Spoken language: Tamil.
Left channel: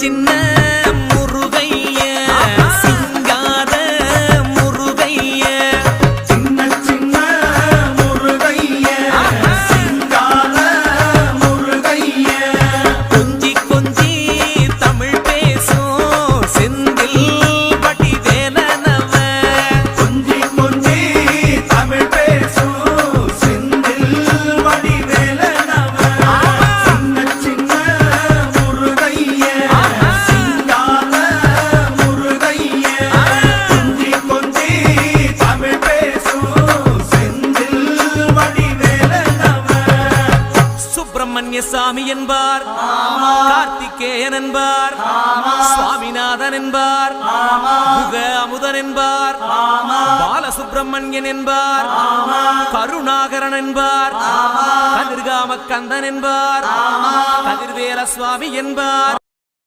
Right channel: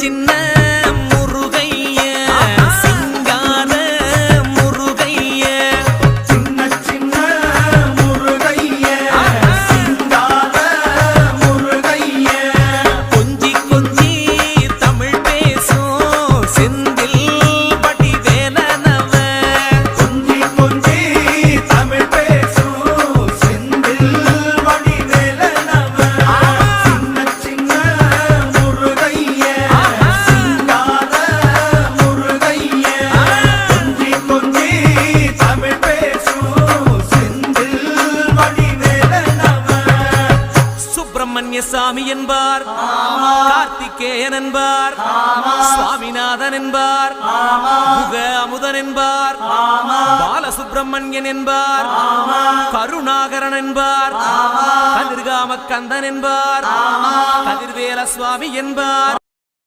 சின்ன முருகைய சிங்கார முருகைய சின்ன சின்ன முருகைய சிங்கார முருகைய கொஞ்சி கொஞ்சி தமிழ் பேசும் செந்தில் வடிவேலனவ கொஞ்சி கொஞ்சி தமிழ் பேசும் செந்தில் வடிவேலனவ சின்ன சின்ன முருகைய சிங்கார முருகைய கொஞ்சி கொஞ்சி தமிழ் பேசும் செந்தில் வடிவேலனவ சுப்பிரமணிய சாமி என்பார், கார்த்திகேயன் என்பார், சுவாமிநாதன் என்பார், முக அமுதன் என்பார், பாலசுப்பிரமணியன் என்பார், கருணாகரன் என்பார், கதிர்காம கந்தன் என்பார், கதிர்வேல சுவாமி என்பார்.